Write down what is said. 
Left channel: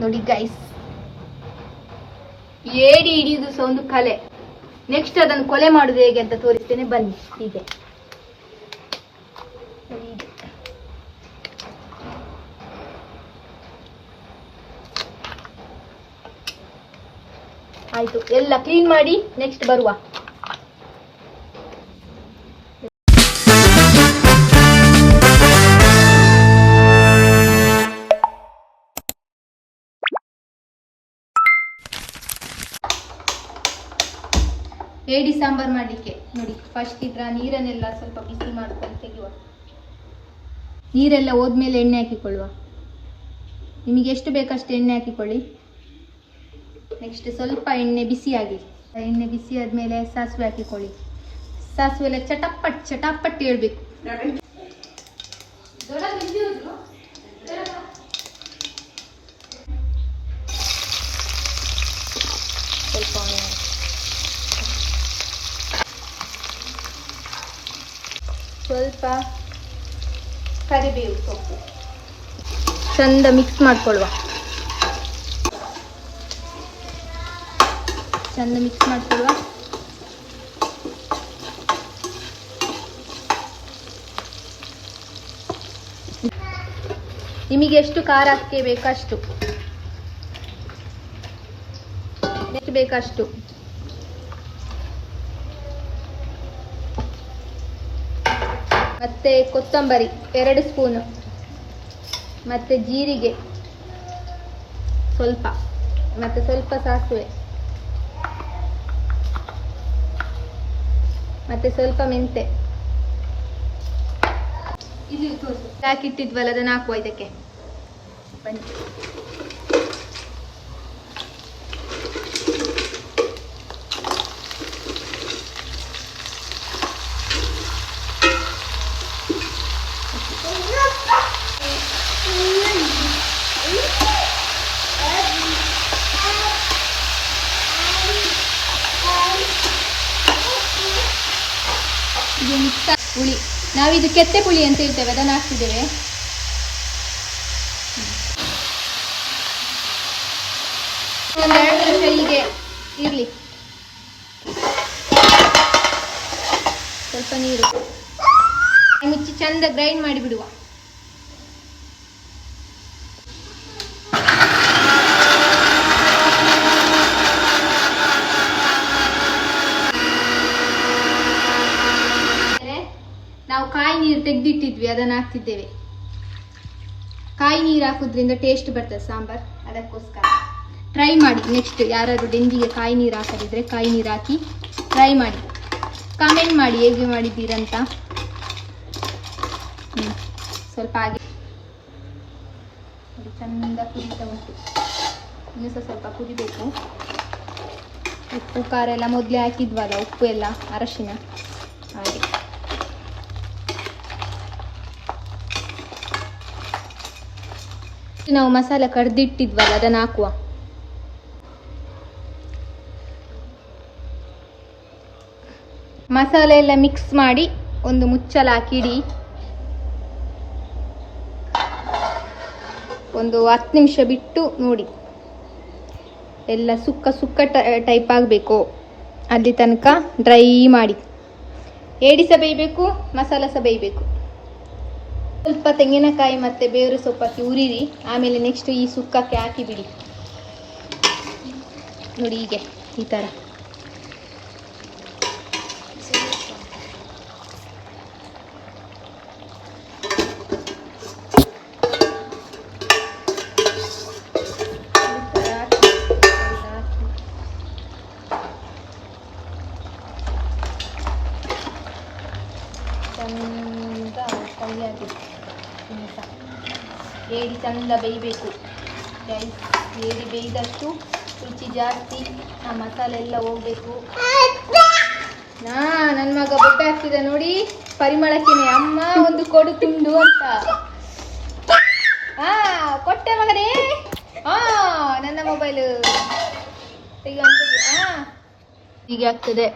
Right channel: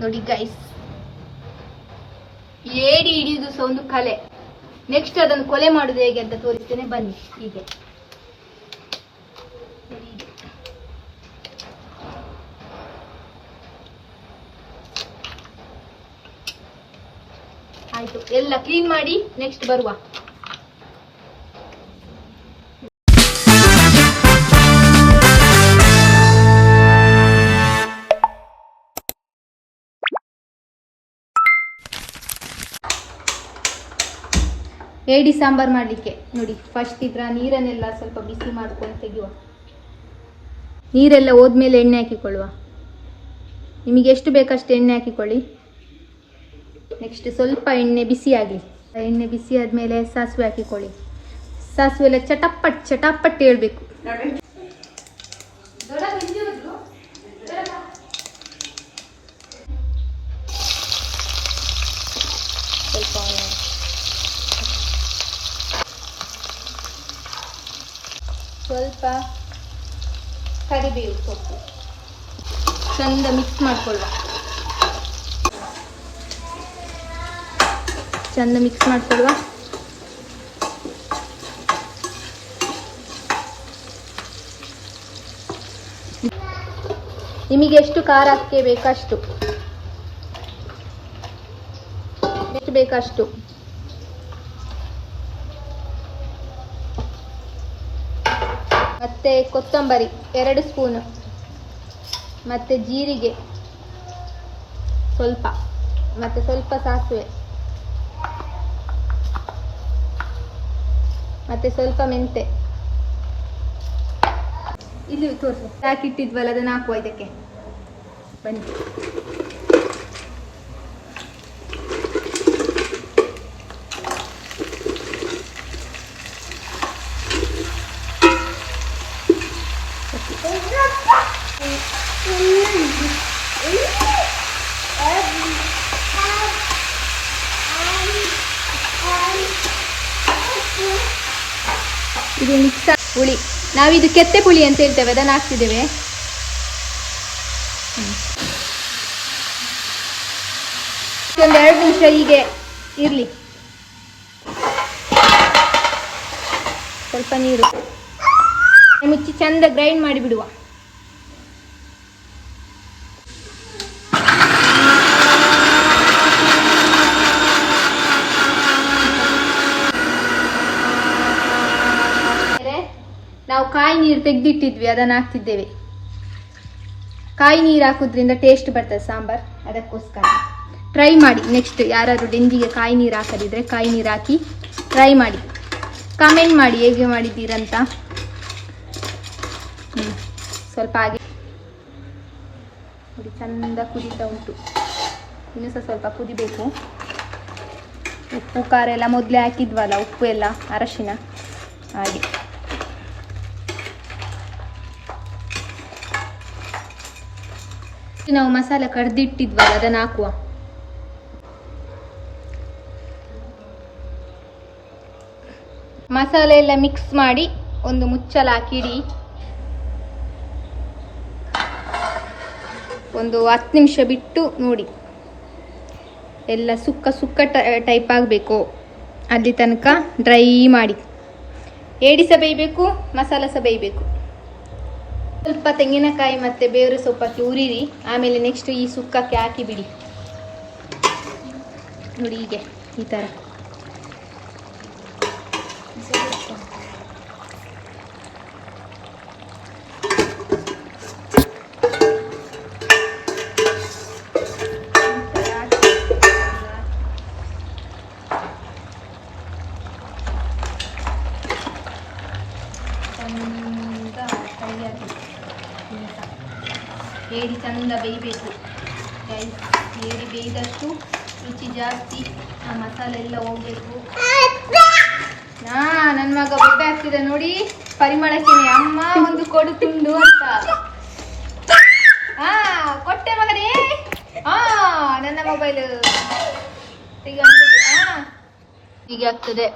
ನೋಡಿ ಗೈಸ್, ಏಡಿ ಹಿಡಿಯುವುದು ಸಹ ಒಂದು ಕಲೆ. ನೆಕ್ಸ್ಟ್ ಅದನ್ನು ಕೊಲೆ ಮಾಡುದು ಹೇಗೆ ಅಂತ ತೋರಿಸ್ತೇನೆ, ಬನ್ನಿ. ಹೀಗೆ ಆಯ್ತು, ಎಲ್ಲ ಕ್ಲೀನ್ ಮಾಡಿ ನೆಕ್ಸ್ಟ್ ಬರುವ. ಏಡಿ ಸಾಂಬಾರ್ ಮಾಡಲಿಕ್ಕೆ ನೋಡಿ, ಫಸ್ಟ್ ಇದರ ನೀರನ್ನೆಲ್ಲ ಸ್ವಲ್ಪ ಬಿಸಿ ಮಾಡ್ಕೊಂಡು ತೆಗೆಯುವ. ನೀರೆಲ್ಲ ಹೋದ್ಮೇಲೆ ಎಣ್ಣೆ ಹಾಕಿಕೊಳ್ಳುವ. ನಿಮಗೆ ಎಷ್ಟು ಬೇಕಷ್ಟು ಎಣ್ಣೆ ಹಾಕಿಕೊಳ್ಳಿ. ನೆಕ್ಸ್ಟ್ ಸ್ವಲ್ಪ ಎಣ್ಣೆ ಬಿಸಿ ಆಗಲಿ. ಎಣ್ಣೆ ಬಿಸಿ ಆದಮೇಲೆ ಸಾಸಿವೆ ಹಾಕಿಕೊಳ್ಳಿ. ಸಾಸಿವೆ ಎಲ್ಲ ಚಟಪಟ್ ಚಟಪಟ್ ಹೇಳ್ಬೇಕು. ಸ್ವಲ್ಪ ಕರಿಬೇವು ಸೊಪ್ಪು ಚಂದ ಮಿಕ್ಸ್ ಮಾಡ್ಕೊಳ್ಳುವ. ಚಂದ ಮಿಕ್ಸ್ ಮಾಡ್ಕೊಳ್ಳುವ. ನಿಮಗೆ ಎಷ್ಟು ಖಾರ ಹಾಕಿ ಬೇಕಷ್ಟು, ಎಷ್ಟು ಬೇಕಷ್ಟು. ಮತ್ತೆ ಕೊತ್ತಂಬರಿ 2 ಸ್ಪೂನ್, ಮತ್ತೆ ಜೀರಿಗೆ ಸ್ವಲ್ಪ, ಮತ್ತೆ ಸ್ವಲ್ಪ ಸಾಸಿವೆ, ಮತ್ತೆ ಸ್ವಲ್ಪ ಮೆಂತೆ. ಇದು ತೋರಿಸು, ಹಾಕಿಟ್ಟಿದ್ವಲ್ಲ ಅದನ್ನು ಹಾಕುವ ಇದಕ್ಕೆ. ಬನ್ನಿ. ಇದು ಮಿಕ್ಸ್ ಹುಳಿ, ನಾವಿದು ಕೆತ್ತೆ ಪುಳಿ ಅಂತ ಹೇಳ್ತೇವೆ, ಅದನ್ನು ಹಾಕ್ತಿದ್ದೇವೆ. ಒಂದು 2 ನಿಮಿಷ ಹೀಗೆ ಇರಲಿ. ಸ್ವಲ್ಪ ನೀರು ಮುಚ್ಚಿ ಚಂದ ಗ್ರೈಂಡ್ ಮಾಡಿ ಬಿಡುವ. ನಾವು ಕಾಯಿ ನೀರು ತೆಗೆದಿಟ್ಟಿದ್ವಿ, ಅದನ್ನು ಹಾಕ್ತಿದ್ದೇವೆ. ಕಾಯಿ ನೀರು ಹಾಕೋದ್ರಿಂದ ಟೇಸ್ಟ್ ಬರ್ತದೆ ಸಾಂಬಾರ್, ಅದಕ್ಕೋಸ್ಕರ ಟ್ರೈ ಮಾಡಿ. ನೆಕ್ಸ್ಟ್ ಯಾರಾದರೂ ಡೆಂಜಿಗೆ ಕಾಯಿ ನೀರು ಹಾಕದಿದ್ರೆ ಕಾಯಿ ನೀರು ಹಾಕಿ ಟ್ರೈ ಮಾಡಿ. ಕಮೆಂಟ್ ಮಾಡಿ ಹೇಗೆ ಮಾಡಿದ್ದೀರಂತ. ಸ್ವಲ್ಪ ಹಾಗೆ ಚಂದ ಕುದೀತಾ ಉಂಟು. ಇನ್ನೂ ಸ್ವಲ್ಪ ಕುದಿಬೇಕು. ಉಪ್ಪು ಖಾರ ಎಲ್ಲ ಮೊದಲೇ ಹಾಕಿದ್ವಲ್ಲ, ಉಪ್ಪು ಎಲ್ಲ ಅರಶಿನ ಹಾಗೆ. ನಾವು ಮಸಾಲೆ ಕಡ್ದಿಟ್ಟಿದ್ವಲ್ಲ ಅದನ್ನು ಹಾಕುವ. ಮಸಾಲೆ ಎಲ್ಲ ಮಿಕ್ಸ್ ಮಾಡಿ ಒಂದು ಮುಚ್ಚಳ ಹಾಕಿಡಿ. ಒಂದು 10 ನಿಮಿಷ ಬಿಟ್ಟು ನೋಡಿ, ಎಲ್ಲ ಸುಕ್ಕ ಸುಕ್ಕ ಟೈಪ್ ಆಗಬೇಕು. ಅಲ್ಲಿ ತನಕ ಡ್ರೈ ಮಾಡಿ. ಏಡಿ ಸಹ ಬೇಯಬೇಕು, ಮಸಾಲ ಸಹ ಬೇಯಬೇಕು. ಸ್ವಲ್ಪ ತೆಂಗಿನಕಾಯಿ ಮತ್ತು ಬೇವಿನ ಸೊಪ್ಪಕ್ಕೆ ಉರಿರಿ. ಆಮೇಲೆ ನೆಕ್ಸ್ಟ್ ಈ ಸುಕ್ಕಕ್ಕೆ ಹಾಕಿ ಬಿಡಿ. ನೋಡಿ ಹೀಗೆ ಈ ಥರ. ಏಡಿ ಚಂದ ಬೇಯಬೇಕು. ಏಡಿ ಬೇಯ್ದಷ್ಟು ರುಚಿ ಜಾಸ್ತಿ, ಆ ಮಸಾಲೆ ಎಲ್ಲ ಹೋಗ್ಬೇಕು. ನನ್ನ ಮಗ ಬೊಡ್ಡ ಹಾಕ್ತಿದ್ದ ನೋಡಿ, ಪರಿಮಳಕ್ಕೆನೆ ಅಮ್ಮ ಒಂದು ಕೊಡು ತುಂಡು ಅಂತ. ಕೊಟ್ಟೆ ಮಗನೇ. ನನ್ನ ಮೊಬೈಲ್ ಹೀಗೆ ಆಗ್ತದೆ.